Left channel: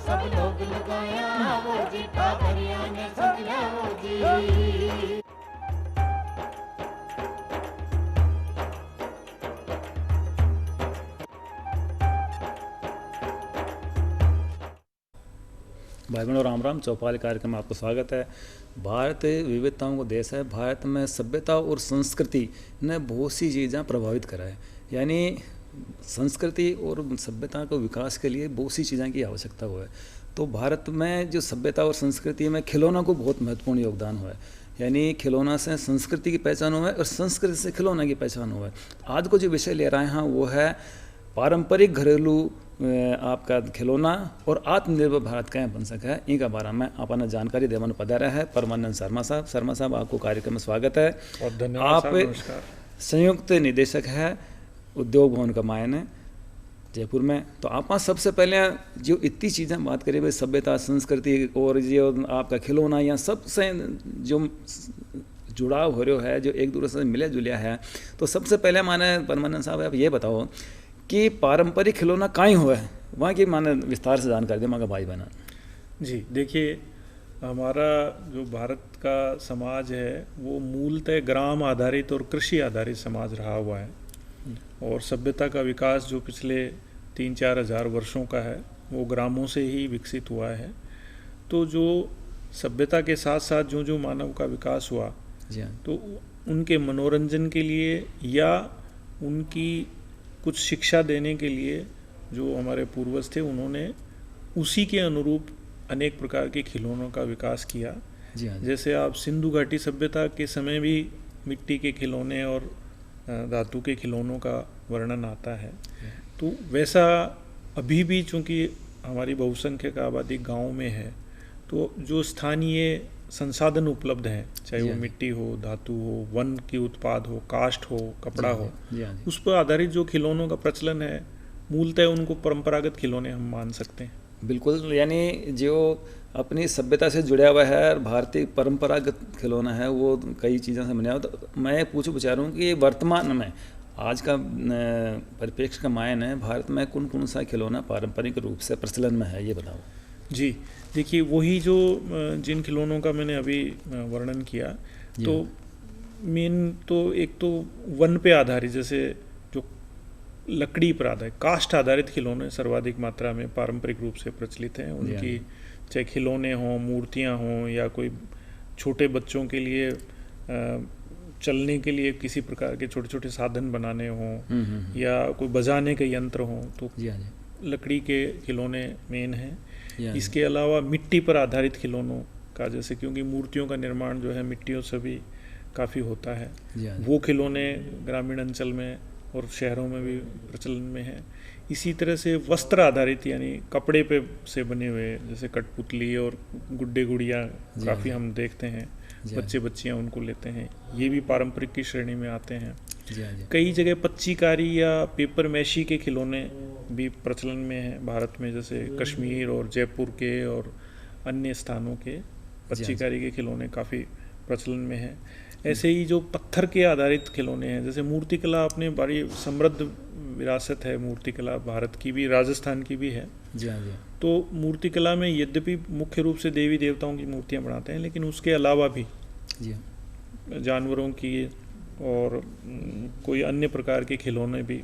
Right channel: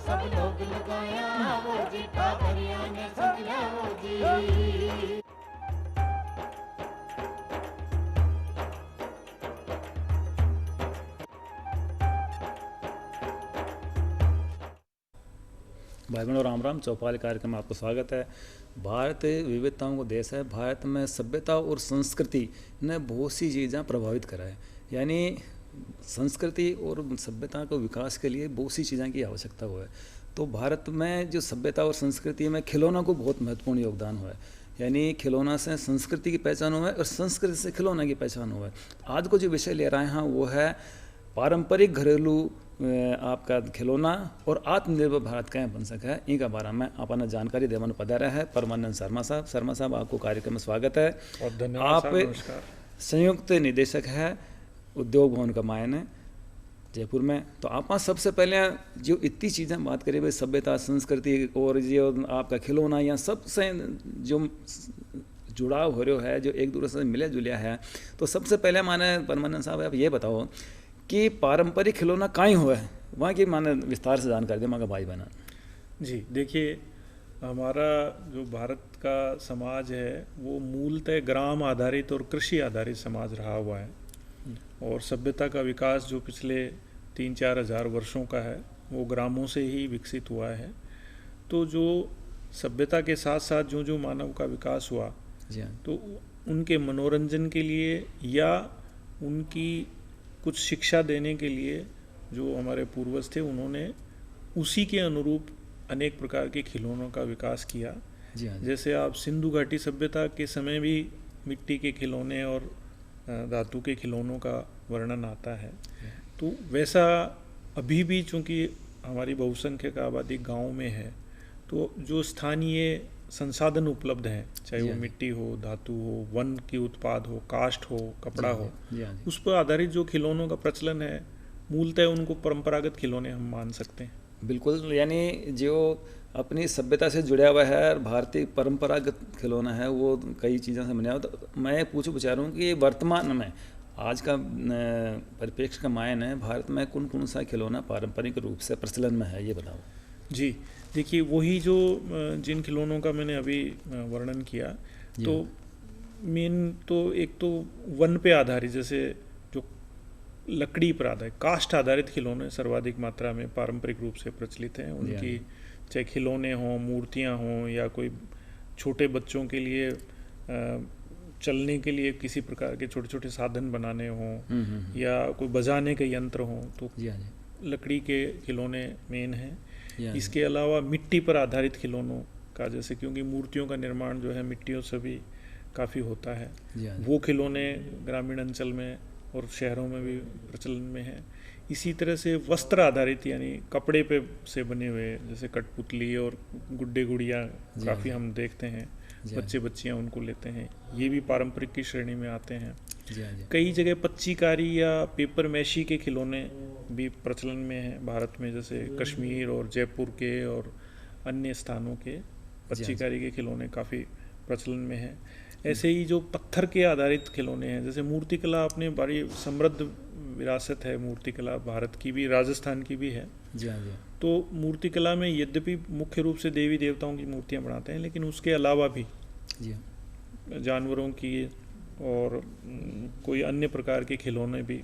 सब लोग लगाया वो जी ठाकरिया ने समझा वो जी। भाई बहनों राम राम। चौपाल कार्यक्रम में आपको स्वागत है। भारत विविधताओं का देश है। भारत में सभ्यता और संस्कृति ने बहुत सी चीज़ें प्रभावित करा है। यानी संस्कृति और सभ्यता को विकास के लिए बहुत सी चीज़ों की आवश्यकता हुआ है। तो भारत में जो सभ्यता और संस्कृति में खिलौना को बहुत महत्वपूर्ण योगदान हुआ है। यानी खिलौना से संस्कृति की पहचान हुआ है और संस्कृति से खिलौना की पहचान हुआ है। आज को जो विषय ले रहे हैं वो है पारंपरिक घरेलू आपका खिलौना और आत्मनिर्भर भारत कैसे बन सका है। इनका बारे में अपना जानकारी देवन पधारा है परमानंद शर्मा साहब। शर्मा साहब आपको कार्यक्रम में स्वागत है। और धन्यवाद आप साहब, नमस्कार। संयुक्त निदेशक है उद्योग भवन का मायन है जयपुर में। तो आप सबसे पहले जो इतनी चीज़ें बात करें भाई सभ्यता संस्कृति और जो आपका खिलौना या सबसे जो जुड़ाव हो रहा है जो एक दूसरे से मिले जुलिया है, तो सबसे पहले माने परमानंद साहब आप ये बताओ कि पारंपरिक खिलौना कहाँ हुआ है, वहाँ की माने विस्तार से जानकारी दे माँ का भाई बहना। जी देखिए, हमारा जो भारत का समाज है वो मूलतः ग्राम आधारित और कृषि आधारित समाज रहा हुआ है। और सभ्यता का विकास जो पिछले 3-4 हज़ार वर्षों का है वो ग्रामों से ही विकसित हुआ है। तो जो सभ्यता के साथ साथ जो जो मानव का विकास हुआ, जी हाँ, तो उनके मनोरंजन के लिए या उनकी कुछ शिक्षा देने के लिए जो हमारे पूर्वज थे उन्होंने उसी के अनुरूप अनेक प्रकार के खिलौनों का विकास किया। जी हाँ, जैसे आप सिंधु घाटी सभ्यता के समय भी मिट्टी के खिलौने और धातु के खिलौनों का वर्णन आता है। तो वैसा अभी भी चूँकि हमारी बहुसंख्यक आबादी गांव में है, तो जो स्थानीय संसाधन उपलब्ध हैं, चाहे वो मिट्टी हो, धातु हो, वन की उत्पाद हो, काष्ठ हो, कपड़ा हो, जी हाँ, उस पर आधारित जो खिलौनों का प्रचलन है, मूलतः उनको परंपरागत खिलौने हम मान सकते हैं। बिल्कुल। यानी जो अपनी सभ्यता से जुड़ा हुआ है और भारतीय परंपरागत खिलौना है वो कई चीज़ों से बना हुआ। तो मैं पूछूं विचार हूँ कि वर्तमान में आज का परिप्रेक्ष्य का मायन है भारत में कौन कौन सा खिलौना पारंपरिक रूप से प्रचलन में है, ये बताओ। जी देखिए, वही जो जिन खिलौनों का मैंने अभी वर्णन किया, तो मेन तो एक तो वन पे आधारित, जैसे जो लकड़ी पर आधारित काष्ठ आधारित खिलौने सर्वाधिक मात्रा में पारंपरिक रूप से प्रचलित हैं। उनकी चाहे खिलौने हों, मूर्तियां हों, या कोई छोटे बच्चों के लिए चलने के लिए किसी प्रकार के छोटे छोटे साधन बनाने हों, या कोई बजाने के यंत्र हों, तो लकड़ी के खिलौने मेन हैं। इसके अलावा मिट्टी पर आधारित खिलौनों का, जैसे क्योंकि मूर्तियों का निर्माण जो है मिट्टियों से भी काफ़ी होता है, वो खिलौने ग्रामीण अंचल में और शहरों में भी प्रचलन में है। इसी तरह से वस्त्र आधारित, यानी कपड़े पे से बने हुए, जैसे कठपुतली और गुड्डे गुड़िया काफ़ी हम देखते हैं, बच्चे बच्चियां उनको लेते हैं, ये भी पारंपरिक की श्रेणी में आते हैं। कई जगह पच्चीकारी या पेपर मैशी के खिलौने भी प्रचलन में हैं भारत में, जैसे कश्मीर और जयपुर के और अन्य स्थानों के पच्चीकारी के खिलौने काफ़ी प्रचलन में हैं। ऐसे ही जो पत्थर के आधारित खिलौने हैं, जैसे मूर्तिकला अपनी बड़ी समृद्ध विरासत है। मूर्तिकला भारत की भी, राजस्थान की भी है। तो मूर्तिकला में यद्यपि मुख्य रूप से देवी देवताओं की मूर्तियां बनाते हैं, लेकिन उसके अलावा भी जानवरों की और कोई अन्य प्रकार के खिलौने भी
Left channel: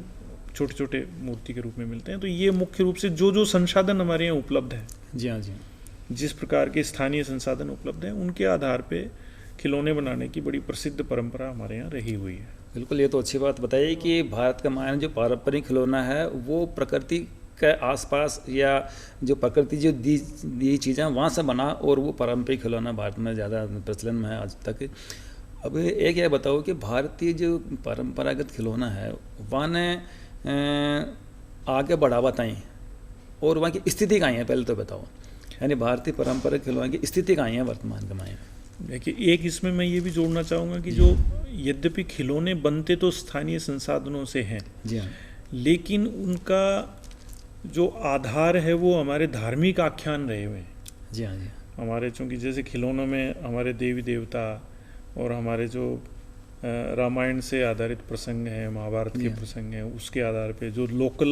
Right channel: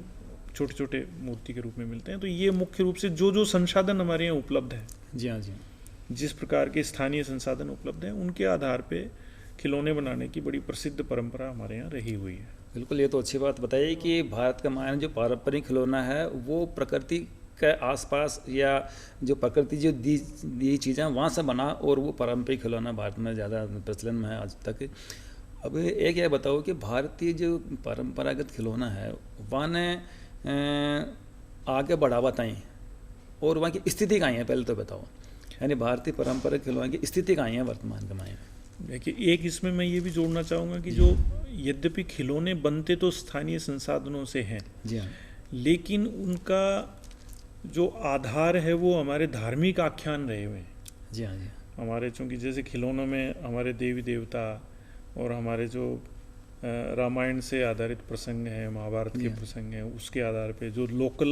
छोटे छोटे मूर्ति के रूप में मिलते हैं। तो ये मुख्य रूप से जो जो संसाधन हमारे यहाँ उपलब्ध है, जिस प्रकार के स्थानीय संसाधन उपलब्ध हैं, उनके आधार पे खिलौने बनाने की बड़ी प्रसिद्ध परंपरा हमारे यहाँ रही हुई है। बिल्कुल, ये तो अच्छी बात बताइए कि भारत का मायने जो पारंपरिक खिलौना है वो प्रकृति के आसपास या जो प्रकृति जो दी चीज़ें वहाँ से बना, और वो पारंपरिक खिलौना भारत में ज़्यादा प्रचलन में है आज तक। अब एक यह बताओ कि भारतीय जो परंपरागत खिलौना है वहाँ ने आगे बढ़ावा ताई और वहाँ की स्थिति कहाँ है, पहले तो बताओ। यानी भारतीय परंपरागत खिलौना की स्थिति कहाँ है वर्तमान के मायने। देखिए, एक इसमें मैं ये भी जोड़ना चाहूँगा कि जो यद्यपि खिलौने बनते तो स्थानीय संसाधनों से हैं, लेकिन उनका जो आधार है वो हमारे धार्मिक आख्यान रहे हुए हैं। हमारे चूँकि जैसे खिलौनों में हमारे देवी देवता और हमारे जो रामायण से आधारित प्रसंग हैं, महाभारत के प्रसंग हैं, उसके आधार पे जो लोकल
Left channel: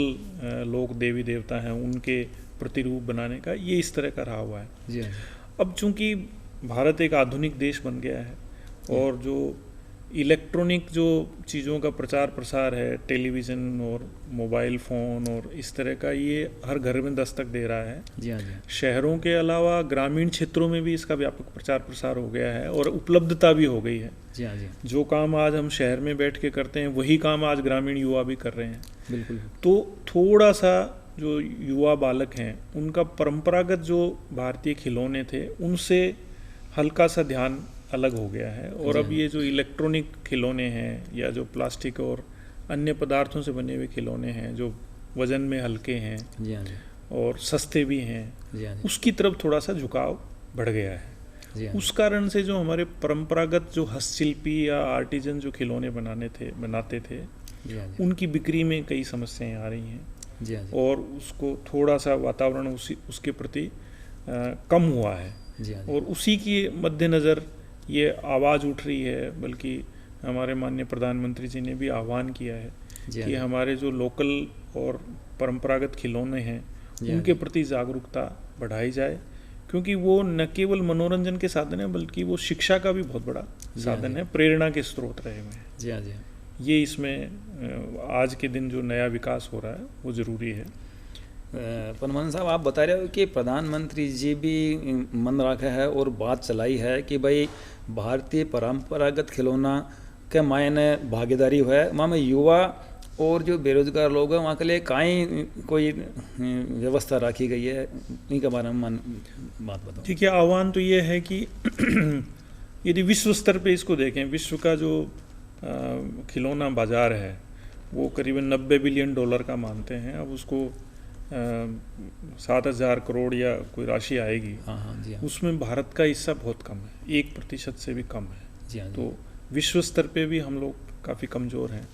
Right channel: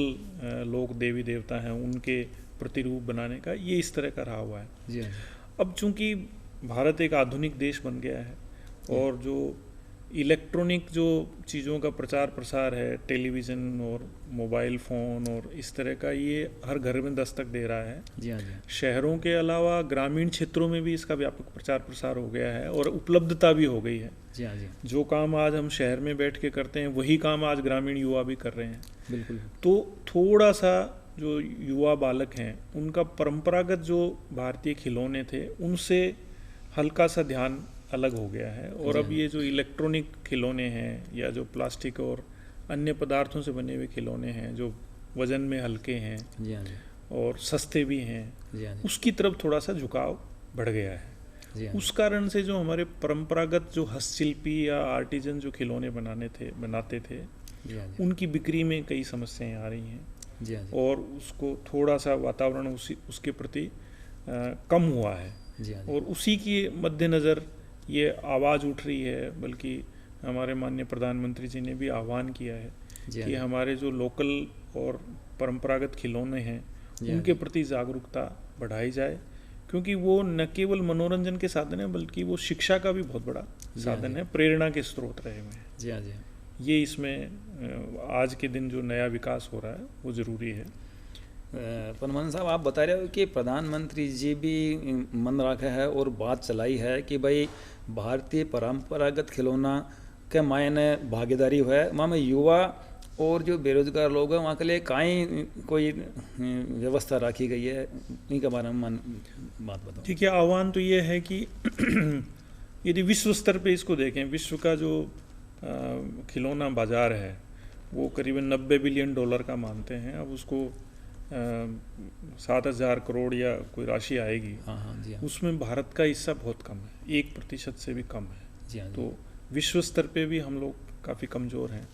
लोक देवी देवता हैं उनके प्रतिरूप बनाने का, ये इस तरह का रहा हुआ है। जी हाँ अब चूंकि भारत एक आधुनिक देश बन गया है और जो इलेक्ट्रॉनिक जो चीज़ों का प्रचार प्रसार है, टेलीविज़न और मोबाइल फ़ोन और इस तरह का, ये हर घर में दस्तक दे रहा है। जी हाँ जी शहरों के अलावा ग्रामीण क्षेत्रों में भी इसका व्यापक प्रचार प्रसार हो गया है और उपलब्धता भी हो गई है। जी हाँ जी जो काम आज हम शहर में बैठ के करते हैं वही काम आज ग्रामीण युवा भी कर रहे हैं। बिल्कुल। तो थोड़ा सा जो युवा बालक हैं उनका परंपरागत जो भारतीय खिलौने थे उनसे हल्का सा ध्यान अलग हो गया है और अब ये जो इलेक्ट्रॉनिक खिलौने हैं या जो प्लास्टिक और अन्य पदार्थों से बने हुए खिलौने हैं जो वजन में हल्के हैं जी हाँ जी और सस्ते भी हैं, जी हाँ जी उसकी तरफ थोड़ा सा झुकाव बढ़ गया है। जी हाँ उस कारण से जो हमारे परंपरागत जो हस्तशिल्पी या आर्टिजन जो खिलौने बनाते थे जी हाँ जी उनकी बिक्री में कई समस्याएं आ रही हैं जी हाँ जी और उसको थोड़ा सा वातावरण उसके प्रति कम हुआ है जी हाँ जी और उसी के मद्देनज़र ये आवाज़ उठ रही है। बल्कि हमारे माननीय प्रधानमंत्री जी ने भी आह्वान किया है जी हाँ कि जी हमारे जो लोकल और परंपरागत खिलौने हैं जी हाँ उनके जी। प्रति जागरूकता बढ़ाई जाए, क्योंकि वो न केवल मनोरंजन के साधन है बल्कि वो शिक्षा का भी बहुत बड़ा जी हाँ साधन जी। है, प्रेरणा के स्रोत रहे हुए हैं। जी हाँ जी ये इसमें आज के दिन जो नया विकास हो रहा है वो ज़रूरी है। पनमन साहब, आप बता रहे हो कि प्रधानमंत्री जी भी मन रखा है और बात चलाई है कि भाई भारतीय परंपरागत खिलौना के मायने भागीदारी है वहाँ में युवा और जो बेरोजगार लोग हैं वहाँ के लिए काई कोई व्यवस्था रखी गई है, इनके बारे में बात बताओ। ठीक है, आह्वान तो ये है कि यदि विश्व स्तर पे इसको देखें, विश्व का जो खिलौना बाजार है वो करीबन $90 बिलियन का मानते हैं। अब उसको 7,000 करोड़ या कोई राशि आएगी, हाँ हाँ जी हाँ उसमें भारत का हिस्सा बहुत कम है, 1% से भी कम है। जी हाँ जी तो विश्व स्तर पे भी हम लोग काफ़ी कमज़ोर हैं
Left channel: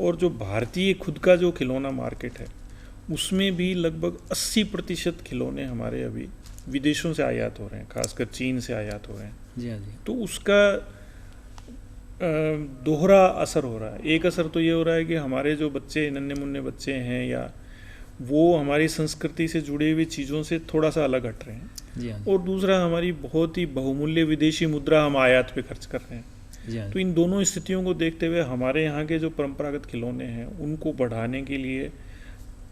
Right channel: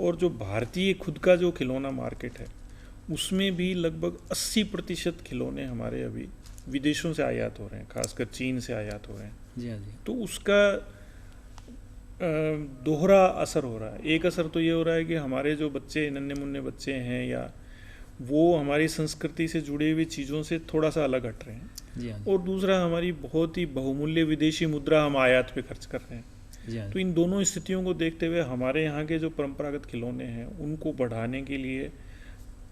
और जो भारतीय खुद का जो खिलौना मार्केट है उसमें भी लगभग 80% खिलौने हमारे अभी विदेशों से आयात हो रहे हैं, खासकर चीन से आयात हो रहे हैं। जी हाँ जी तो उसका दोहरा असर हो रहा है। एक असर तो ये हो रहा है कि हमारे जो बच्चे, नन्हे मुन्ने बच्चे हैं, या वो हमारी संस्कृति से जुड़ी हुई चीज़ों से थोड़ा सा अलग हट रहे हैं, जी हाँ और दूसरा हमारी बहुत ही बहुमूल्य विदेशी मुद्रा हम आयात पे खर्च कर रहे हैं। जी हाँ तो इन दोनों स्थितियों को देखते हुए हमारे यहाँ के जो परंपरागत खिलौने हैं उनको बढ़ाने के लिए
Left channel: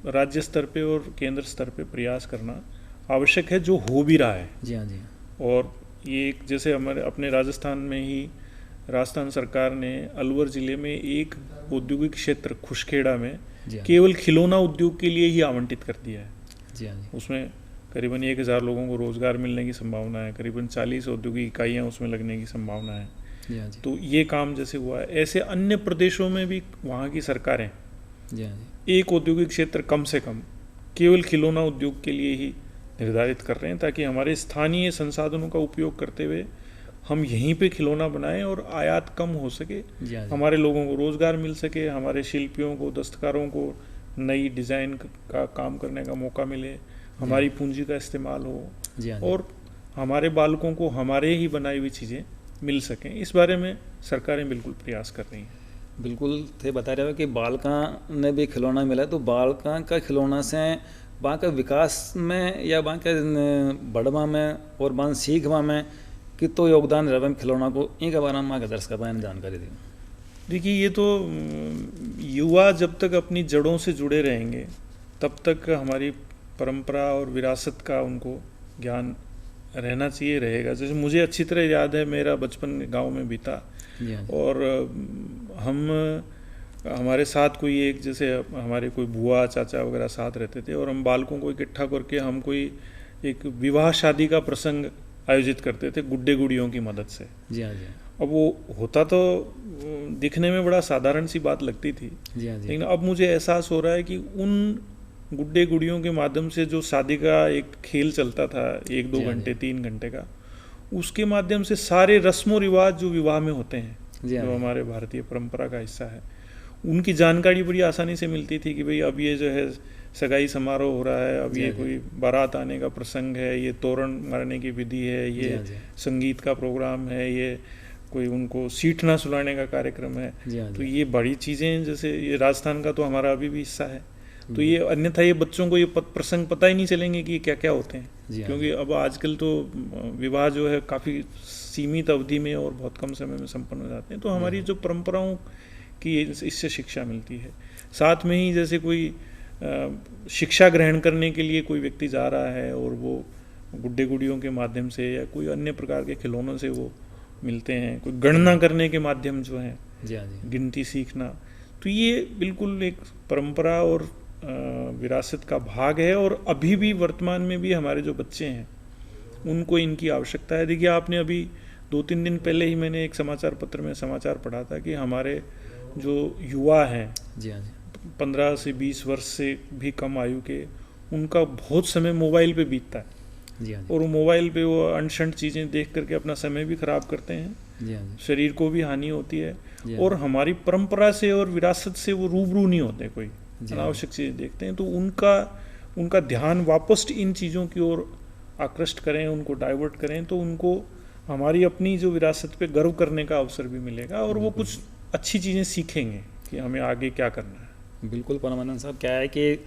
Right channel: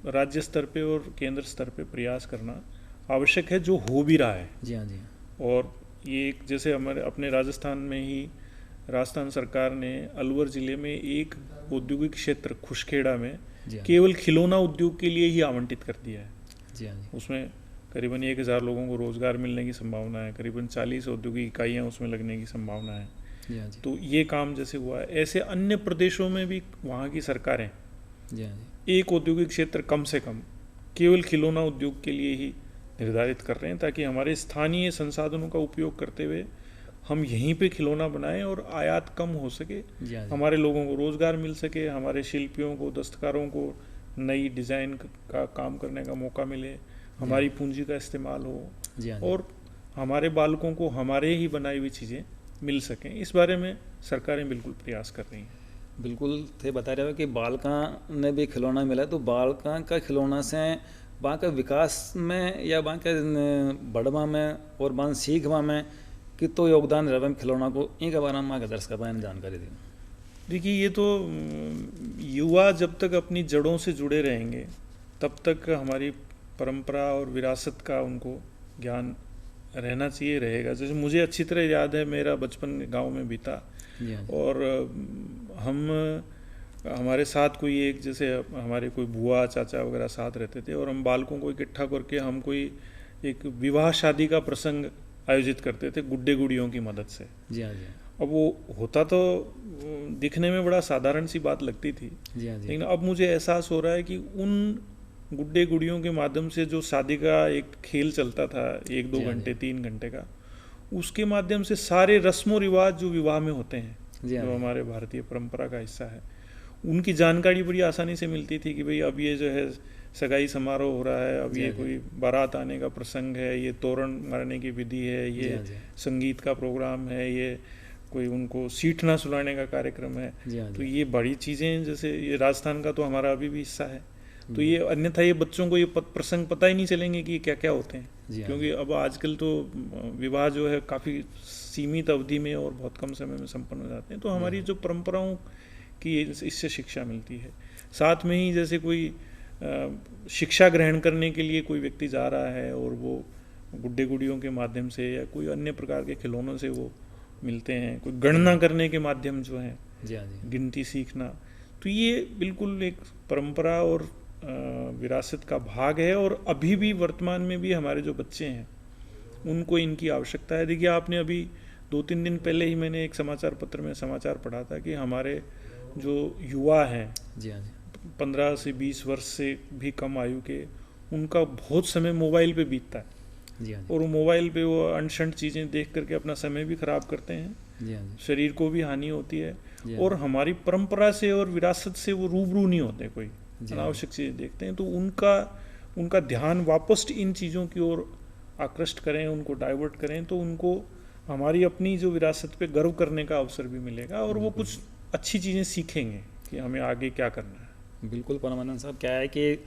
राज्य स्तर पे और केंद्र स्तर पे प्रयास करना आवश्यक है, जो हो भी रहा है। जी हाँ जी और ये एक, जैसे हमारे अपने राजस्थान में ही राजस्थान सरकार ने अलवर ज़िले में एक औद्योगिक क्षेत्र खुशखेड़ा में जी हाँ केवल खिलौना उद्योग के लिए ही आवंटित कर दिया है। जी हाँ जी उसमें करीबन 1,000 लोगों को रोज़गार मिलने की संभावना है, करीबन 40 औद्योगिक इकाइयाँ उसमें लगने की संभावना है। जी हाँ जी तो ये काम जैसे हुआ है, ऐसे अन्य प्रदेशों में भी वहाँ की सरकारें जी हाँ जी एक औद्योगिक क्षेत्र कम से कम केवल खिलौना उद्योग के लिए ही निर्धारित कर रहे हैं, ताकि हमारे स्थानीय संसाधनों का उपयोग करते हुए हम यहीं पे खिलौना बनाएं और आयात कम हो सके, जी हाँ जी हमारे लोगों को रोज़गार मिल सके, हमारे शिल्पियों को, दस्तकारों को नई डिज़ाइन का काम करने का मौका मिले, हमारी पूंजी का इस्तेमाल हो जी हाँ जी और हमारे बालकों को हमारे ही बनाई हुई चीज़ें मिल सकें। इस बारे में सरकारें बिल्कुल प्रयास कर रही हैं। बिल्कुल थे बता रहे हो कि बालका ने भी खिलौना मिला, तो बालका का खिलौना से वहाँ के विकास में या वहाँ के बढ़वा में और वहाँ सीखवा में कितो योगदान रहा खिलौना को, इनके बारे में वहाँ के दर्शकों ने जानकारी दी। देखिए, ये तो युवा जब तक अपनी जड़ों से जुड़े रहेंगे तब तक हमारी परंपरा और विरासत का उनको ज्ञान रहना चाहिए, रहेगा। जैसे मुझे अच्छी तरह याद है, मेरा बचपन गांव में बीता जी हाँ जी और हमारे साथ कोई एक, जैसे हमारे कोई बुआ चाचा वगैरह साथ रहते थे और हम बालकों को इकट्ठा करके हम कोई एक विवाह शादी का प्रसंग आयोजित करते थे गुड्डे गुड़ियों की मदद से। जी हाँ जी अब वो होता तो दिखने में बड़ा साधारण सी बात लगती थी, जी हाँ जी लेकिन अब मुझे एहसास हो रहा है कि उन गुड्डे गुड़ियों के माध्यम से जो शादी का एक खेल चलता था 1-2 जी हाँ घंटे 3 घंटे का, उसके माध्यम से सारे रस्मों रिवाज जो विवाह में होते हैं, जी हाँ जो जी हमारे भारतीय परंपरा का हिस्सा है, उनकी जानकारी बड़ी आसानी से मिलती थी कि भाई अब ये जो है सगाई समारोह हो रहा है, अब जी ये हाँ जी। कोई बारात आने का प्रसंग है, ये तोरण मारने की विधि है, जी ये हाँ जी संगीत का प्रोग्राम है, ये कोई उनको सीटना सुलाने का कार्यक्रम है। जी हाँ तो जी ये बड़ी चीज़ें, जैसे ये राजस्थान का तो हमारा अभी भी हिस्सा है, तो ये अन्यथा ये बच्चों को ये प्रसंग पता ही नहीं चलेंगे कि ये क्या क्या होते हैं, जी हाँ। क्योंकि अब आजकल तो विवाह जो है काफ़ी सीमित अवधि में और बहुत कम समय में संपन्न हो जाते हैं। तो हमारी जो परंपराओं की इससे शिक्षा मिलती है। साथ में ही जैसे कोई शिक्षा ग्रहण करने के लिए कोई व्यक्ति जा रहा है और वो गुड्डे गुड़ियों के माध्यम से या कोई अन्य प्रकार के खिलौनों से वो मिलते हैं, कोई गणना करने के माध्यम जो है, जी हाँ जी। गिनती सीखना, तो ये बिल्कुल एक परंपरा और विरासत का भाग है। और अभी भी वर्तमान में भी हमारे जो बच्चे हैं उनको इनकी आवश्यकता है। देखिए, आपने अभी 2-3 दिन पहले ही मैंने एक समाचार पत्र में समाचार पढ़ा था कि हमारे जो युवा हैं, जी हाँ जी। 15 से 20 वर्ष से भी कम आयु के, उनका बहुत समय मोबाइल पे बीतता है, जी हाँ जी। और मोबाइल पे वो अनशंट चीज़ें देख करके अपना समय भी खराब करते हैं, जी हाँ जी। शरीर को भी हानि होती है, जी हाँ। और हमारी परंपरा से और विरासत से वो रूबरू नहीं होते, कोई जी हाँ। अनावश्यक चीज़ें देखते हैं। तो उनका ध्यान वापस इन चीज़ों की ओर आकृष्ट करें, उनको डाइवर्ट करें, तो उनको हमारी अपनी जो विरासत पे गर्व करने का अवसर भी मिलेगा, और वो कुछ अच्छी चीज़ें सीखेंगे कि हमें आगे क्या करना है। बिल्कुल परमानंद साहब, क्या है कि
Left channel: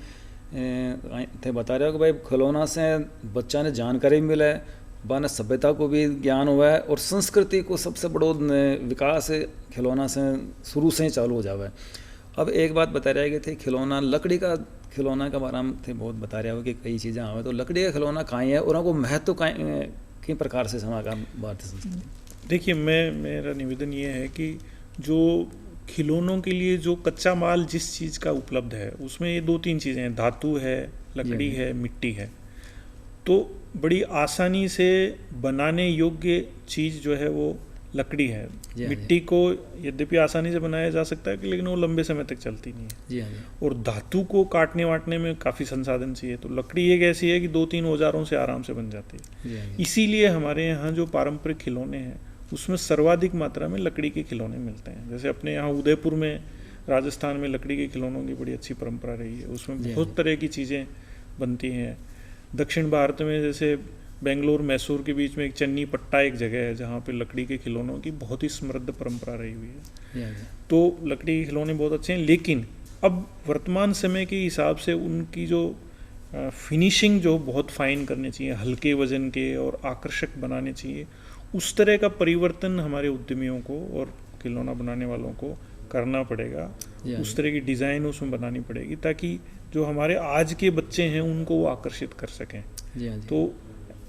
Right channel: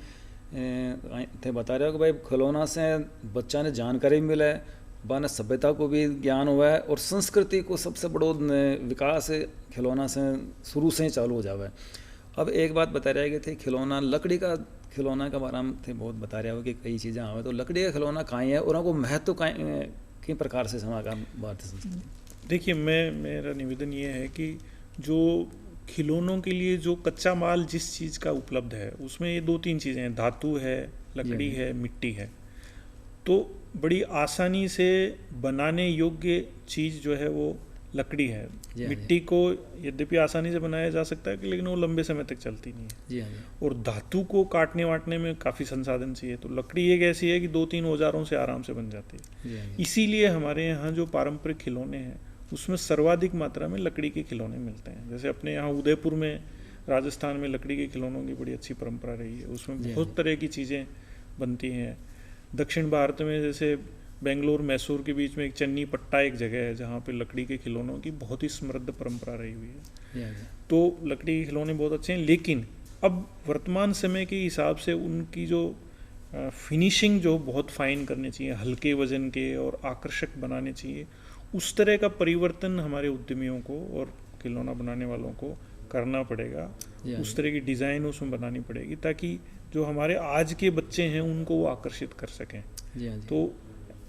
थे बता रहे हो कि भाई खिलौना से बच्चा ने जानकारी मिले, बाने सभ्यता को भी ज्ञान हुआ है, और संस्कृति को सबसे बड़ो विकास खिलौना से शुरू से ही चालू हो जावे। अब एक बात बता रहे थे, खिलौना लकड़ी का खिलौना के बारे में थे बहुत बता रहे हो कि कई चीज़ें आवे, तो लकड़ी का खिलौना कहाँ है और उनको महत्व किन प्रकार से समाचार भारतीय संस्कृति। देखिए, मेरा निवेदन ये है कि जो खिलौनों के लिए जो कच्चा माल जिस चीज़ का उपलब्ध है, उसमें ये 2-3 चीज़ें हैं, धातु है, लकड़ी है, मिट्टी है। तो बड़ी आसानी से बनाने योग्य चीज़ जो है वो लकड़ी है। जी हाँ, मिट्टी को यद्यपि आसानी से बनाया जा सकता है, लेकिन वो लंबे समय तक चलती नहीं है। जी हाँ जी। और धातु को काटने वाटने में काफ़ी संसाधन चाहिए, तो लकड़ी एक ऐसी है कि 2-3 औजारों से आराम से बन जाती है। जी हाँ जी। इसीलिए हमारे यहाँ जो पारंपरिक खिलौने हैं उसमें सर्वाधिक मात्रा में लकड़ी के खिलौने मिलते हैं। जैसे अपने यहाँ उदयपुर में, राजस्थान में लकड़ी के खिलौनों की बड़ी अच्छी परंपरा रही है, उसमें जी बहुत तरह की चीज़ें बनती हैं। दक्षिण भारत में जैसे बेंगलोर मैसूर के बीच में एक चन्नी पट्टा एक जगह है जहाँ पे लकड़ी के खिलौनों की बहुत ही समृद्ध परंपरा रही हुई है। जी हाँ जी। तो लकड़ी के खिलौने बहुत अच्छे हैं, लेकिन अब वर्तमान समय के हिसाब से उनकी जो फिनिशिंग जो बहुत फाइन करनी चाहिए, हल्के वजन के और आकर्षक बनाने चाहिए, उस तरह का परिवर्तन हमारे उद्यमियों को और खिलौना बनाने वालों को करना पड़ेगा। जी हाँ उस जी। तरह की डिज़ाइन उसमें बनानी पड़ेगी ताकि जो हमारे आज के बच्चे हैं उनको वो आकर्षित कर सकें। जी हाँ जी। तो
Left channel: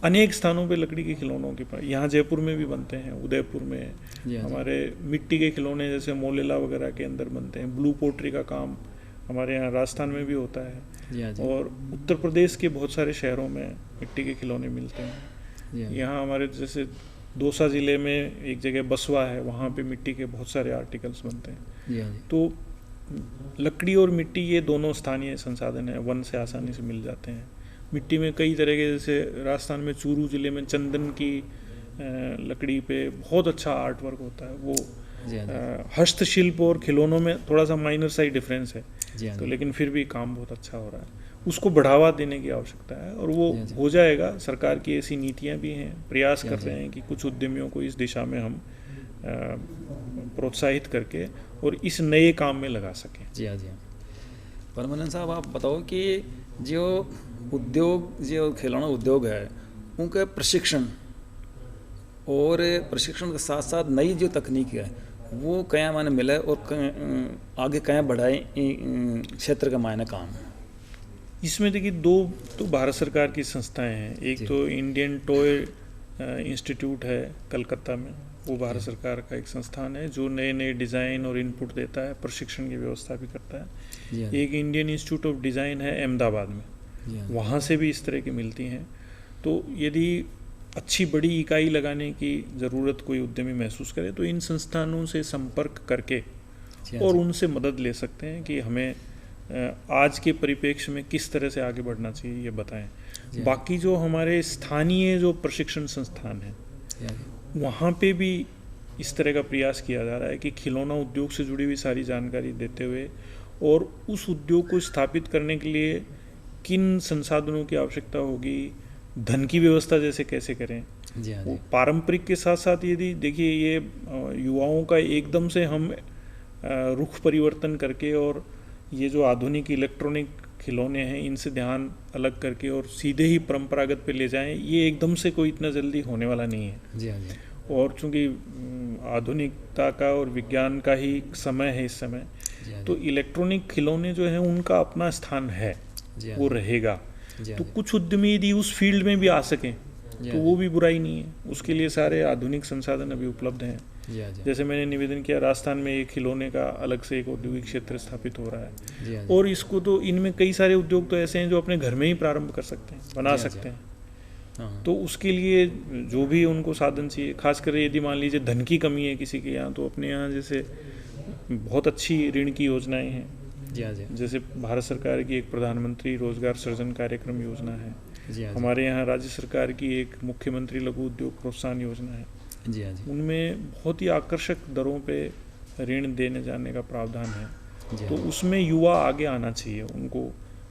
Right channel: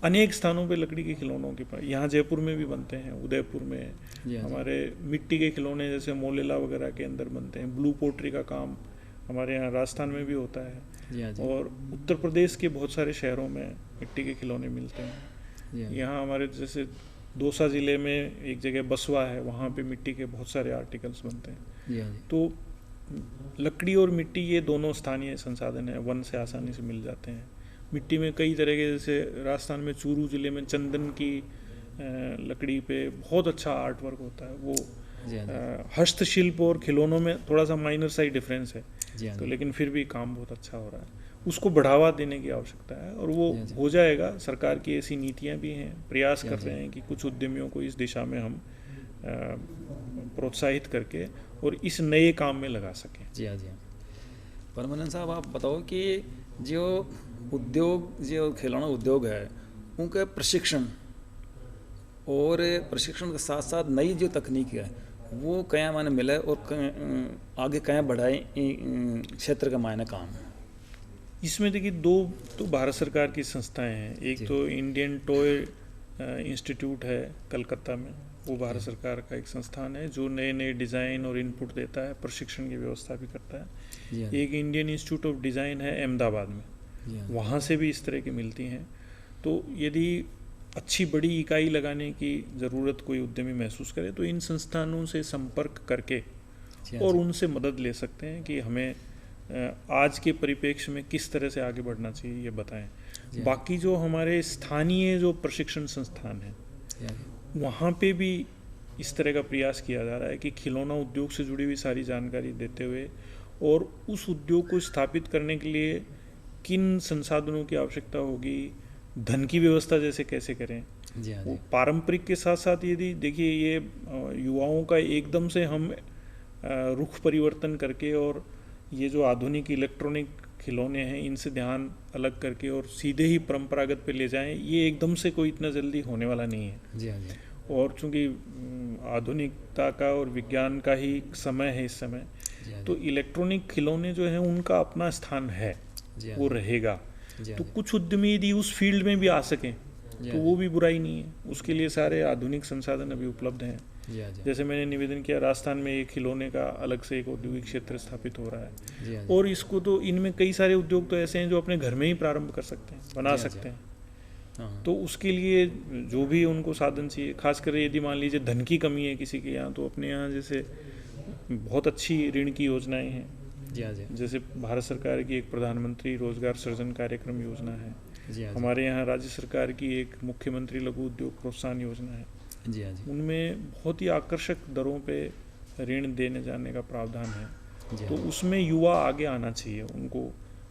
अनेक स्थानों पे लकड़ी के खिलौनों के यहाँ जयपुर में भी बनते हैं, उदयपुर में जी हाँ जी। हमारे मिट्टी के खिलौने जैसे मोलेला वगैरह के अंदर बनते हैं। ब्लू पोट्री का काम हमारे यहाँ राजस्थान में भी होता है, जी हाँ जी। और उत्तर प्रदेश के बहुत सारे शहरों में मिट्टी के खिलौने मिलते हैं। जी हाँ जी। यहाँ हमारे जैसे दौसा ज़िले में एक जगह बसवा है, वहाँ पे मिट्टी के बहुत सारे आर्टिकल्स बनते हैं। जी हाँ जी। तो लकड़ी और मिट्टी ये दोनों स्थानीय संसाधन हैं, वन से आसानी से मिल जाते हैं। मिट्टी में कई तरह के, जैसे राजस्थान में चूरू जिले में चंदन की लकड़ी पे बहुत अच्छा आर्ट वर्क होता है। वो जी हाँ जी। हस्तशिल्प और खिलौनों में थोड़ा सा माइनर सा ही डिफरेंस है, जी हाँ तो जी। लेकिन फिर भी काम बहुत अच्छा हो रहा है। उसको बढ़ावा देने की आवश्यकता है, और वो जी हाँ जी। हो जाएगा। सरकार की ऐसी नीतियाँ भी हैं, प्रयास जी कर हाँ जी। रहे हैं कि कुछ उद्यमियों को इस दिशा में हम प्रोत्साहित करके और इस नए काम में लगा सकें। जी हाँ जी। परमानंद साहब, आप बताओ कि जो उद्योग, जो खिलौना उद्योग है, उनके प्रशिक्षण और प्रशिक्षण के साथ साथ नई जो तकनीक है वो क्या माने मिले और आगे क्या बढ़ाए क्षेत्र के मायने काम। इसमें देखिए, 2 तो भारत सरकार की संस्थाएं हैं। एक जी। तो इंडियन टॉय इंस्टीट्यूट है कलकत्ता में, वो भारत सरकार का एक संस्थान है जो नए नए डिज़ाइन और इनपुट देता है, प्रशिक्षण की व्यवस्था भी करता है। जी हाँ। एक इंडियन इंस्टीट्यूट ऑफ डिज़ाइन है अहमदाबाद में, जी हाँ। वहाँ से भी इस तरह की मिलती हैं। तो यदि अच्छी बड़ी इकाई लगाने की ज़रूरत कोई उद्यमी महसूस करे तो इन संस्थानों से संपर्क करके जी हाँ और जी। उनसे मदद ले सकते हैं कि हमें आज के परिप्रेक्ष्य में किस तरह से आगे बढ़ना चाहिए, ये बताएं। जी हाँ। बाकी जो हमारे स्थानीय जो प्रशिक्षण संस्थान हैं, जी हाँ जी। वहाँ पे भी इस तरह का प्रयास किया जा रहा है कि खिलौना उद्योग से जुड़ी हुई सारी जानकारी देते हुए और उस उद्योग को स्थापित करने के लिए किन संसाधनों की आवश्यकता होगी, धन की व्यवस्था जैसे कैसे करें। जी हाँ वो जी। पारंपरिक के साथ साथ यदि देखिए, ये युवाओं का एकदम से हम रुख परिवर्तन करके और ये जो आधुनिक इलेक्ट्रॉनिक खिलौने हैं इनसे ध्यान अलग करके और सीधे ही परंपरागत पे ले जाएं, ये एकदम से कोई इतना जल्दी होने वाला नहीं है। जी हाँ जी। और चूंकि आधुनिकता का और विज्ञान का ही समय है इस समय, जी हाँ तो इलेक्ट्रॉनिक खिलौने जो हैं उनका अपना स्थान है, जी हाँ वो जी। रहेगा। जी हाँ तो जी। कुछ उद्यमी यदि उस फील्ड में भी आ सकें जी तो हाँ वो भी बुराई नहीं है, उसके लिए सारे आधुनिक संसाधन अभी उपलब्ध हैं। जी हाँ जी। जैसे मैंने निवेदन किया, राजस्थान में एक खिलौने का अलग से एक औद्योगिक क्षेत्र स्थापित हो रहा है, जी हाँ जी। और इसको तो इनमें कई सारे उद्योग तो ऐसे हैं जो अपने घर में ही प्रारंभ कर सकते हैं, बना जी हाँ, सकते हैं। हाँ तो उसके लिए जो भी उनको साधन चाहिए, खासकर यदि मान लीजिए धन की कमी है किसी के यहाँ, तो अपने यहाँ जैसे बहुत अच्छी ऋण की योजनाएं हैं। जी हाँ जी। जैसे भारत सरकार की एक प्रधानमंत्री रोजगार सृजन कार्यक्रम योजना है, जी हाँ जी। हमारे यहाँ राज्य सरकार की एक मुख्यमंत्री लघु उद्योग प्रोत्साहन योजना है। जी हाँ जी। उनमें बहुत ही आकर्षक दरों पे ऋण देने जाने का प्रावधान है। जी तो हाँ उसमें युवा आगे आना चाहिए, उनको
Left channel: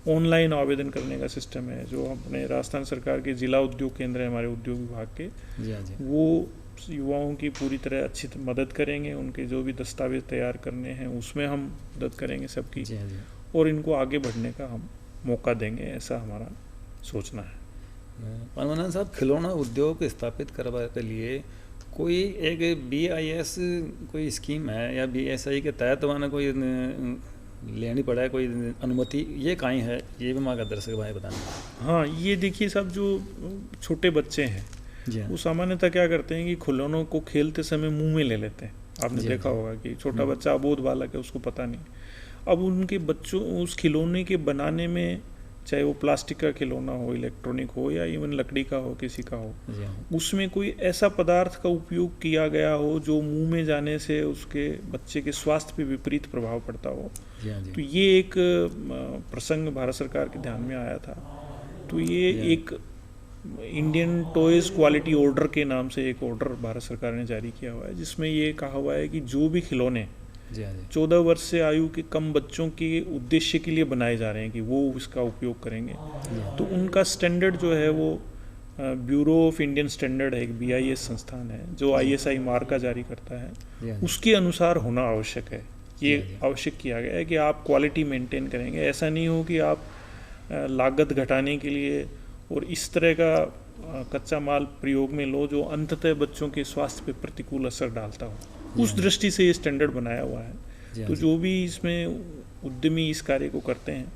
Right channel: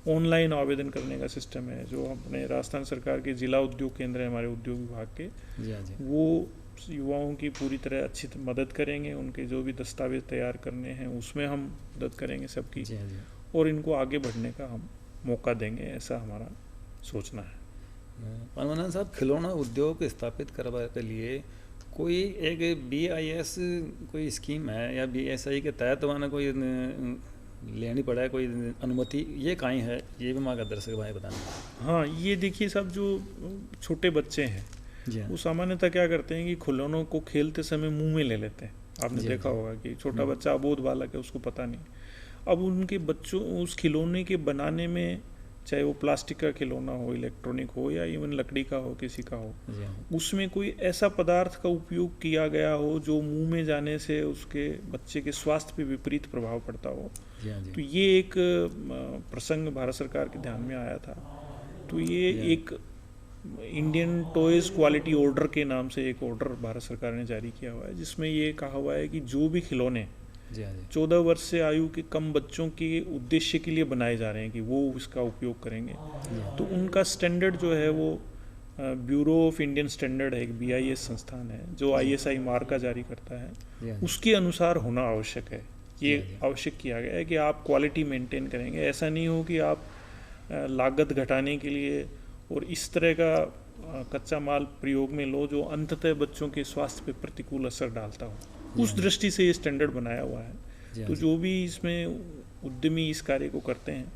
ऑनलाइन आवेदन करने का सिस्टम है जो अपने राजस्थान सरकार के जिला उद्योग केंद्र है हमारे उद्योग विभाग के, जी हाँ जी। वो युवाओं की पूरी तरह अच्छी मदद करेंगे। उनके जो भी दस्तावेज तैयार करने हैं उसमें हम मदद करेंगे सबकी, जी हाँ जी। और इनको आगे बढ़ने का हम मौका देंगे, ऐसा हमारा सोचना है। अनुनंदन साहब, खिलौना उद्योग स्थापित करवा के लिए कोई एक BIS कोई स्कीम है या BSI के तहत माना कोई लेनी पड़ा है कोई अनुमति, ये कहीं है, ये भी मांगा दर्शक भाई बताना। हाँ, ये देखिए साहब, जो छोटे बच्चे हैं जी हाँ। वो सामान्यतः क्या करते हैं कि खिलौनों को खेलते समय मुंह में ले लेते हैं। आपने जी, देखा जी। होगा कि छोटा बच्चा अबोध बालक है, उसको पता नहीं। अब उनके बच्चों उस खिलौने के बनाने में, चाहे वो प्लास्टिक का खिलौना हो, इलेक्ट्रॉनिक हो, या इवन लकड़ी का हो, किसी का हो, जी हाँ। उसमें कोई ऐसा पदार्थ का उपयोग किया गया हो जो मुंह में जाने से उसके बच्चे के स्वास्थ्य पे विपरीत प्रभाव पड़ता हो। जी हाँ तो जी। ये एक प्रसंग भारत सरकार के ध्यान में आया था। तो ये जी। एक इंडियन टॉयज क्वालिटी ऑर्डर के नाम से एक ऑर्डर भारत सरकार ने जारी किया हुआ है, जिसमें ये कहा हुआ है कि जो भी खिलौने जी हाँ जी। 14 वर्ष से आयु के कम बच्चों के उद्देश्य के लिए बनाए जा रहे हैं कि वो इसका उपयोग करेंगे, जी हाँ। तो उनका स्टैंडर्ड जो है वो ब्यूरो ऑफ इंडियन स्टैंडर्ड है, एक BIS संस्थान है जो ISI मार्का जारी करता है, जी हाँ। उसके अनुसार होना आवश्यक है। ये जी, जी। आवश्यक किया गया है कि आप क्वालिटी मेंटेन करेंगे। ऐसा नहीं हो कि आप लागत घटाने के लिए और इस तरह का कच्चा माल प्रयोग में लो जो अंततः बच्चों के स्वास्थ्य पर प्रतिकूल असर डालता हो। जी, उस हाँ। दृष्टि से ये स्टैंडर्ड बनाया हुआ है। जी हाँ तो जी। जो भी इसमें उद्यमी इस कार्य को करते हैं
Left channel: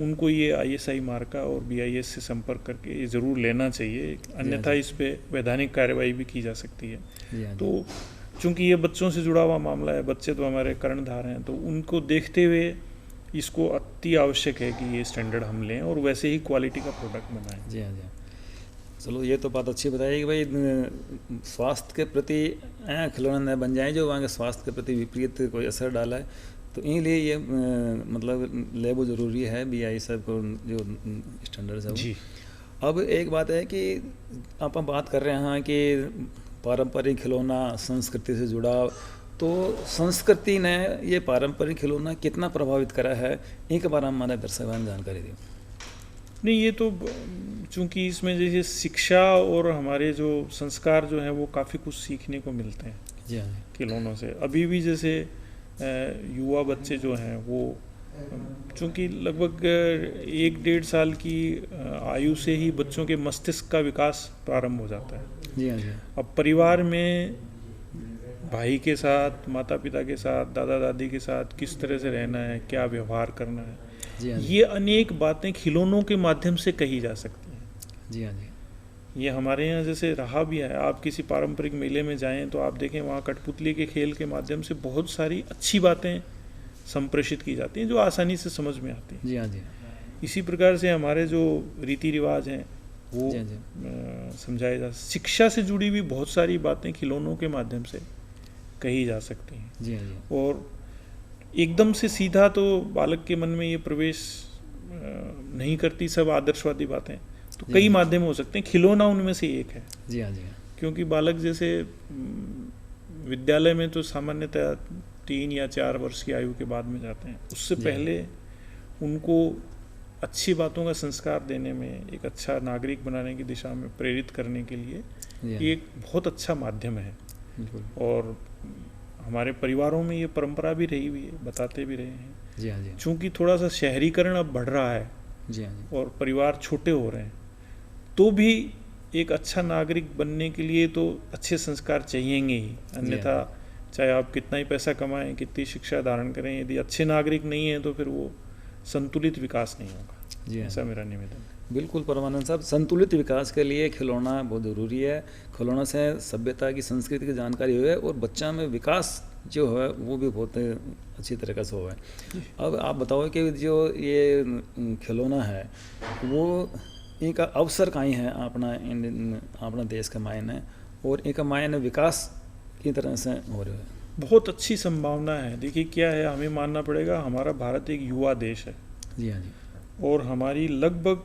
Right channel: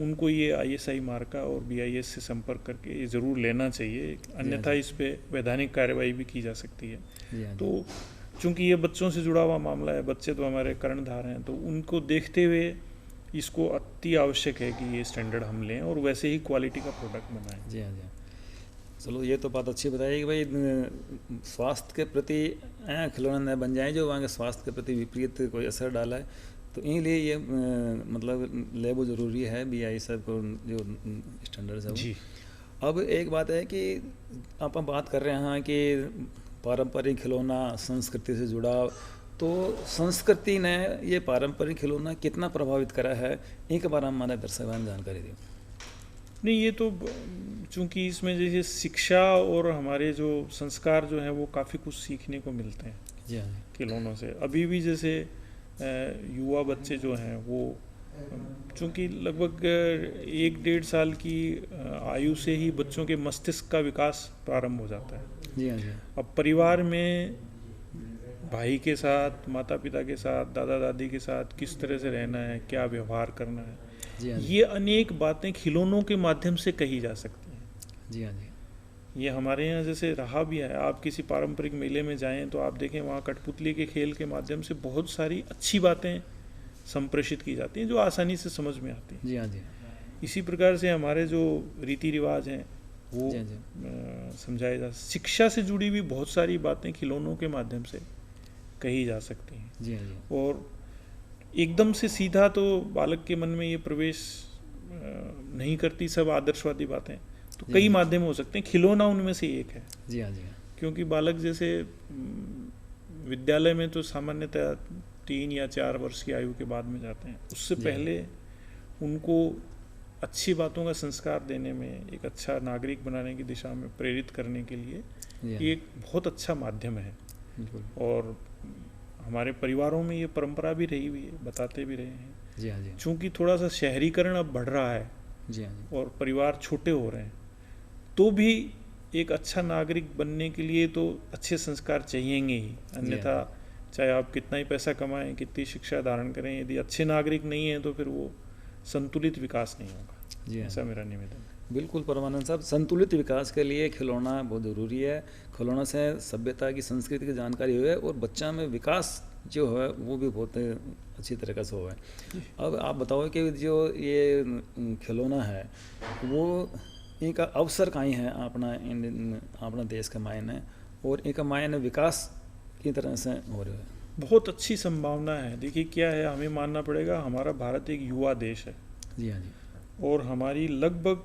उनको ये ISI मार्का और BIS से संपर्क करके ये ज़रूर लेना चाहिए, अन्यथा जी। इस पे वैधानिक कार्रवाई भी की जा सकती है। जी हाँ जी। तो चूंकि ये बच्चों से जुड़ा हुआ मामला है, बच्चे तो हमारे कर्णधार हैं, तो उनको देखते हुए इसको अति आवश्यक है कि ये स्टैंडर्ड हम लें और वैसे ही क्वालिटी का प्रोडक्ट बनाएं। जी हाँ जी। चलो, ये तो बात अच्छी बताई कि भाई स्वास्थ्य के प्रति खिलौना न बन जाए जो वहाँ के स्वास्थ्य के प्रति विपरीत कोई असर डाला है, तो इसीलिए ये मतलब लेबो ज़रूरी है BIS को जो स्टैंडर्ड है वो। जी। अब एक बात है कि आप बात कर रहे हैं कि पारंपरिक खिलौना संस्कृति से जुड़ा, तो संस्कृति ने ये पारंपरिक खिलौना कितना प्रभावित करा है, इनके बारे में हमारे दर्शक जानकारी दी। नहीं, ये तो चूंकि इसमें जैसे शिक्षा और हमारे जो संस्कार जो हैं वो काफ़ी कुछ सीखने को मिलते हैं जी हाँ। खिलौनों से। अभी भी जैसे युवा बच्चे जो हैं वो चूंकि लगभग 1-1.5 साल की आयु से ही बच्चों के मस्तिष्क का विकास प्रारंभ हो जाता है। जी हाँ जी। अब परिवार में भाई के साथ, माता पिता के साथ, दादा दादी के साथ किस तरह से रहना है, क्या व्यवहार करना है, जी हाँ जी। ये अनेक बातें खिलौनों के माध्यम से कही जा सकती हैं। जी हाँ जी। ये हमारे यहाँ जैसे रहा भी है। आप किसी पारंपरिक मेले में जाएं तो आप देखें वहाँ कठपुतली के खेल के माध्यम से बहुत सारी अच्छी बातें संप्रेषित की जाती हैं जो आसानी से समझ में आती हैं। जी हाँ जी। इसी प्रकार से हमारे जो रीति रिवाज हैं वो जी हाँ जी। समझाए जा, शिक्षा से जुड़ी हुई बहुत सारी बातें खिलौनों के माध्यम से कही जा सकती हैं। जी हाँ जी। और एकदम से सीधा तो बालक के मन में ये प्रवेश नहीं करती सब आदर्शवादी बातें, तो जी। कई माध्यम हो सकते हैं, खिलौना उनमें से एक है। जी हाँ जी। क्योंकि बालक जैसे विद्यालय में तो सामान्यतः 3 या 4 वर्ष की आयु के बाद में जाते हैं, उससे जी। पहले उनको अच्छी बातों का संस्कार देने में, एक अच्छा नागरिक बनाने की दिशा में प्रेरित करने के लिए जी हाँ। ये एक बहुत अच्छा माध्यम है। बिल्कुल। और हमारे परिवारों में ये परंपरा भी रही हुई है, बताते भी रहे हैं। जी हाँ जी। चूंकि थोड़ा सा शहरीकरण अब बढ़ रहा है जी हाँ जी। और परिवार छोटे हो रहे हैं, तो भी एक अच्छा नागरिक बनने के लिए तो अच्छे संस्कार चाहिएंगे ही, अन्यथा चाहे आप कितना ही पैसा कमाएं, कितनी शिक्षा धारण करें, यदि अच्छे नागरिक नहीं हैं तो फिर वो संतुलित विकास नहीं होगा। जी हाँ। ऐसा मेरा निवेदन है। बिल्कुल परमानंद साहब, संतुलित विकास के लिए खिलौना बहुत ज़रूरी है। खिलौनों से सभ्यता की, संस्कृति की जानकारी हुए और बच्चा में विकास जो है वो भी बहुत अच्छी तरीके से हुआ है। अब आप बताओ कि जो ये खिलौना है वो इनका अवसर कहीं है अपना देश के मायने, और इनका मायने विकास की तरह से हो रहे हो? बहुत अच्छी संभावना है। देखिए क्या है, हमें मानना पड़ेगा हमारा भारत एक युवा देश है। जी हाँ जी। और हमारी लगभग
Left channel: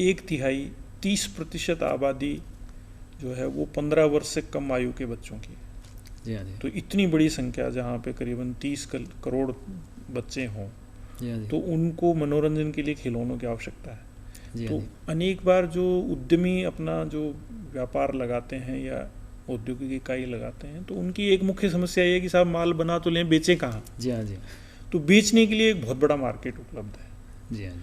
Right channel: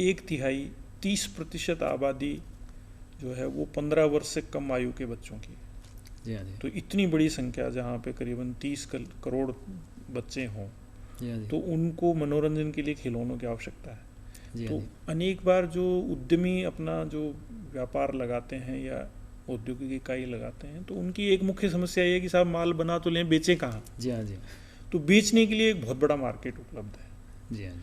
1/3 30% आबादी जो है वो 15 वर्ष से कम आयु के बच्चों की। जी हाँ जी। तो इतनी बड़ी संख्या जहाँ पे करीबन 30 करोड़ बच्चे हों, जी हाँ जी। तो उनको मनोरंजन के लिए खिलौनों की आवश्यकता है। जी हाँ तो जी। अनेक बार जो उद्यमी अपना जो व्यापार लगाते हैं या औद्योगिक इकाई लगाते हैं, तो उनकी एक मुख्य समस्या ये है कि साहब माल बना तो लें, बेचें कहाँ। जी हाँ जी। तो बेचने के लिए एक बहुत बड़ा मार्केट उपलब्ध है। जी हाँ जी।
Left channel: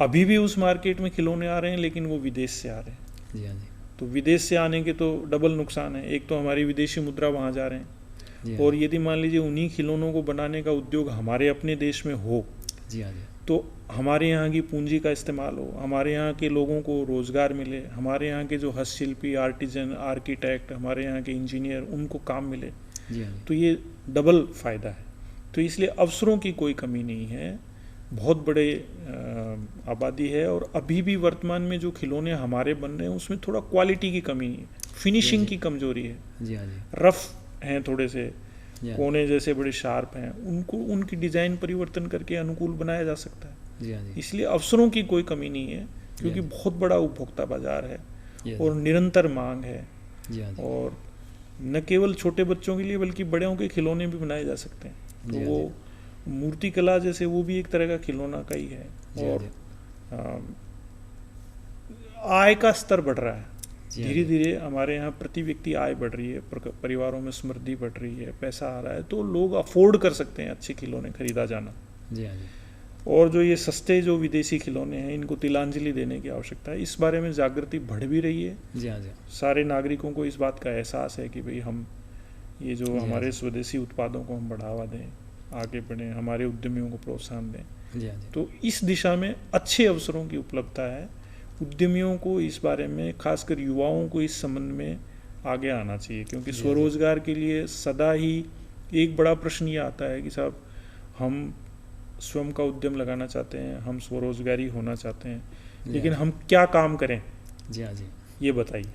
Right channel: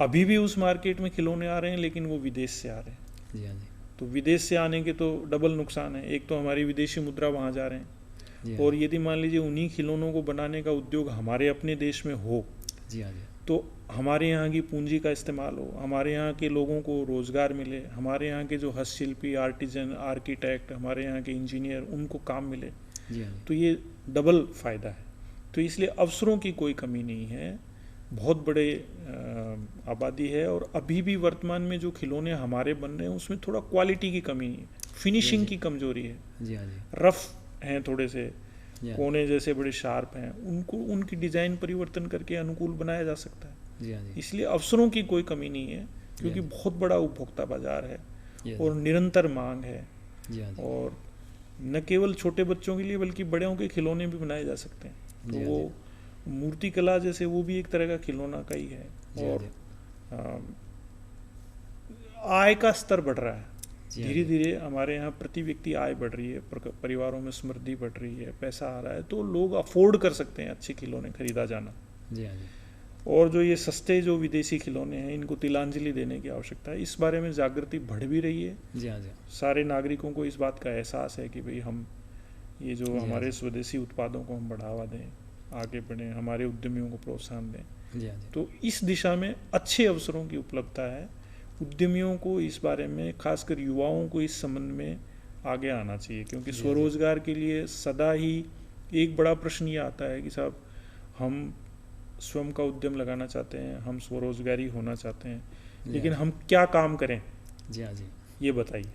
अभी भी उस मार्केट में खिलौने आ रहे हैं, लेकिन वो विदेश से आ रहे हैं। जी हाँ जी। तो विदेश से आने के तो डबल नुकसान है। एक तो हमारी विदेशी मुद्रा वहाँ जा रहे हैं, जी हाँ और यदि मान लीजिए उन्हीं खिलौनों को बनाने का उद्योग हमारे अपने देश में हो, जी हाँ जी। तो हमारे यहाँ की पूंजी का इस्तेमाल हो, हमारे यहाँ के लोगों को रोज़गार मिले, हमारे यहाँ के जो हस्तशिल्पी, आर्टिजन, आर्किटेक्ट, हमारे यहाँ के इंजीनियर, उनको काम मिले, जी हाँ जी। तो ये डबल फ़ायदा है। तो इसलिए अवसरों की कोई कमी नहीं है, बहुत बड़े आबादी है। और अभी भी वर्तमान में जो खिलौने हमारे बन रहे हैं उसमें थोड़ा क्वालिटी की कमी है, फिनिशिंग की कमजोरी है, जी हाँ जी। रफ हैं थोड़े से, जी हाँ कोने जैसे बड़े शार्प हैं, उनको उनकी डिज़ाइन परिवर्तन करके अनुकूल बनाया जा सकता है। जी हाँ जी। इसलिए अवसरों की कोई कमी नहीं है, क्योंकि जी। बहुत बड़ा उपभोक्ता बाजार है जी और निरंतर मांग है। जी हाँ जी। और न केवल छोटे बच्चों के लिए बल्कि बड़ों के खिलौने भी बनाए जा सकते हैं। तो जी हाँ वो मूर्ति कला जैसे वो भी एक तरह का खिलौना का ही है। जी हाँ और जी। आय का स्तर बढ़ रहा है जी हाँ धीरे जी। धीरे, हमारे यहाँ प्रति व्यक्ति आय बढ़ रही है, परिवारों में समृद्धि बढ़ रही है, पैसा आ रहा है, तो लोग अफोर्ड कर सकते हैं अच्छे खिलौने खरीदा जाना। जी हाँ जी। और जो ये सस्ते जो विदेशी खिलौने हैं, इनको तिलांजलि देने की आवश्यकता है। इस बारे में जागृति बढ़ भी रही है। जी हाँ जी। सारे नागरिकों को इस बात का एहसास है कि भाई हम ये जो जी हाँ हमारे जी। स्वदेशी उत्पादों को हम बढ़ावा दें, आगे बढ़ें, हमारे उद्यमियों को प्रोत्साहन दें। जी हाँ जी। तो इस दिशा में अच्छे अवसरों की उपलब्धता है। उद्यमियों को इस बारे में, खासकर युवाओं को इस संबंध में आगे आना चाहिए, क्योंकि जी हाँ जी। स्वरोजगार के लिए सदा ही एक बड़ा प्रश्न ये आता है कि साहब हम स्वयं का उद्यम लगाना चाहते हैं, हम स्वरोजगारी होना चाहते हैं, जी लेकिन हाँ हम क्या काम करें, जी हाँ जी। ये बताइए।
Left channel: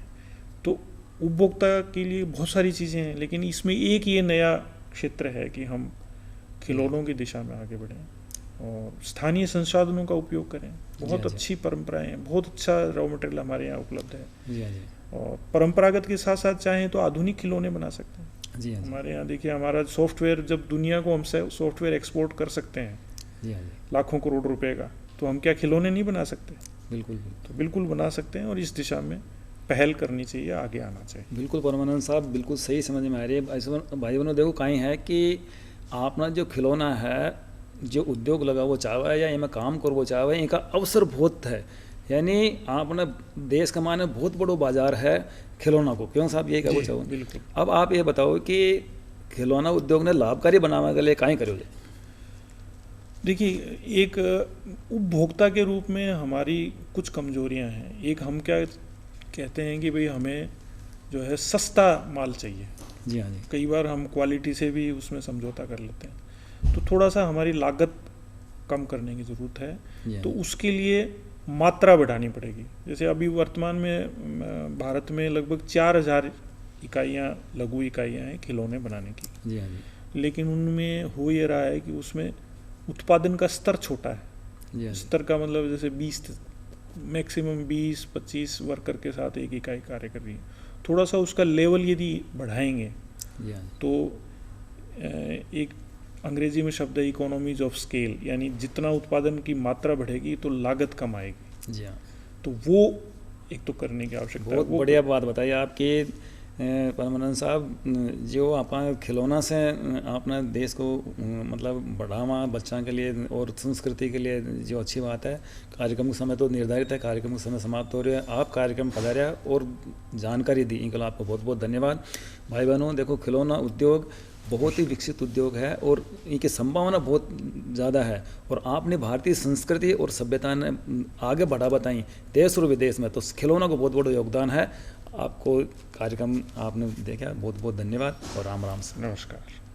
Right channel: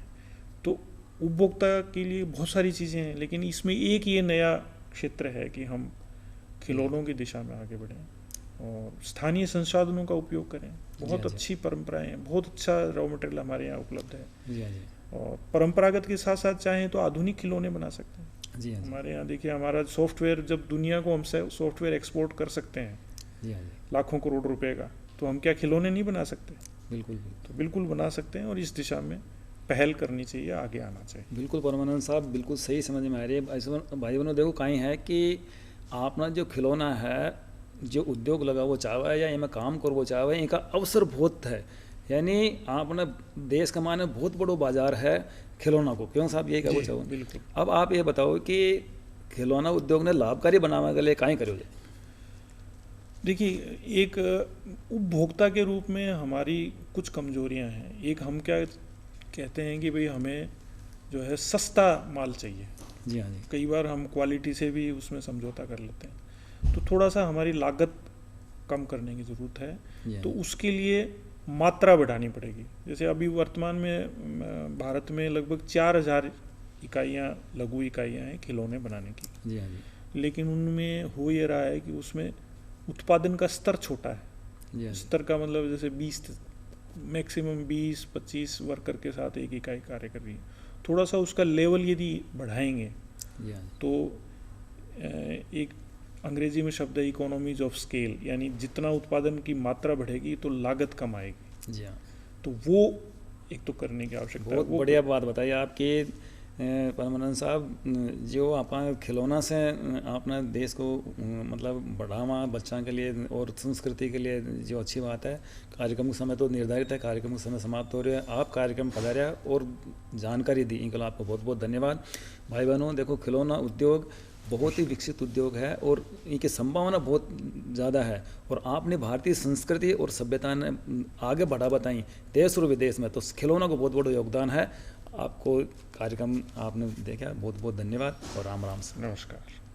तो उपभोक्ता के लिए बहुत सारी चीज़ें हैं, लेकिन इसमें एक ये नया क्षेत्र है कि हम खिलौनों की दिशा में आगे बढ़ें और स्थानीय संसाधनों का उपयोग करें। बहुत जी हाँ जी। अच्छी परंपराएं हैं, बहुत अच्छा रॉ मटेरियल हमारे यहाँ उपलब्ध है। जी हाँ जी। और परंपरागत के साथ साथ चाहें तो आधुनिक खिलौने बना सकते हैं। जी हाँ जी। हमारे यहाँ देखिए, हमारा सॉफ्टवेयर, जब दुनिया को हमसे सॉफ्टवेयर एक्सपोर्ट कर सकते हैं जी हाँ जी। लाखों करोड़ रुपए का, तो हम क्या खिलौने नहीं बना सकते? बिल्कुल बिल्कुल। तो बिल्कुल बना सकते हैं, और इस दिशा में पहल करनी चाहिए, आगे आना चाहिए। बिल्कुल परमानंद साहब, बिल्कुल सही समझ में आ रही है। भाई बहनों देखो कहीं है कि आपना जो खिलौना है, जो उद्योग लगा वो चाहवा है या इनमें काम कर वो चाहवा है, इनका अवसर बहुत है। यानी आपने देश का माने बहुत बड़ो बाजार है खिलौना को, क्यों साहब ये कहना चाहो? बिल्कुल। अब आप ये बताओ कि खिलौना उद्योग ने लाभकारी बनाने के लिए कहीं करो? देखिए, एक उपभोक्ता के रूप में हमारी कुछ कमजोरियां हैं। एक, हम क्या कहते हैं कि भाई हमें जो है सस्ता माल चाहिए। जी हाँ जी। कई बार हम क्वालिटी से भी उसमें समझौता कर लेते हैं। तो थोड़ा सा हमारी लागत कम करने की ज़रूरत है। जी हाँ तो जी। उसके लिए मात्रा बढ़ानी पड़ेगी। जैसे अभी वर्तमान में भारत में लगभग 4000 इकाइयाँ, लघु इकाइयाँ हैं खिलौने बनाने की। जी हाँ जी। लेकिन उनमें हो ये रहा है कि उसमें उत्पादन का स्तर छोटा है। जी हाँ जी। स्तर का मतलब जैसे 20 मैक्सिमम 20-25 वर्कर के साथ एक इकाई कार्य कर रही है। थोड़ा सा उसका लेवल यदि बढ़ाएंगे जी हाँ जी। तो एक अंग्रेजी में शब्द है इकोनॉमीज ऑफ स्केल, यानी जितना उत्पादन की मात्रा बढ़ेगी तो लागत कम आएगी। जी हाँ। तो वो एक तो करने की आवश्यकता है। बहुत वो बढ़िया बात बताई आपकी। परमानंद साहब, जो आप खिलौना से अपने देश को मतलब बढ़ावा बच्चों के लिए और संस्कृति के लिए जो अच्छी बात है। कार्यक्रम का समय तो निर्धारित है, कार्यक्रम का समय समाप्त हो रहा है। आप कार्यक्रम पधारा और जानकारी दी, इनके लिए आपको बहुत बहुत धन्यवाद। भाई बहनों, देखो खिलौना उद्योग बहुत ही विकसित उद्योग है और इनकी संभावना बहुत ज़्यादा है, और आपने भारतीय संस्कृति और सभ्यता ने आगे बढ़ा बताई देश और विदेश में, तो खिलौना को बहुत बड़ा योगदान है। आपको कार्यक्रम आपने देखा, बहुत बहुत धन्यवाद और राम राम से। नमस्कार।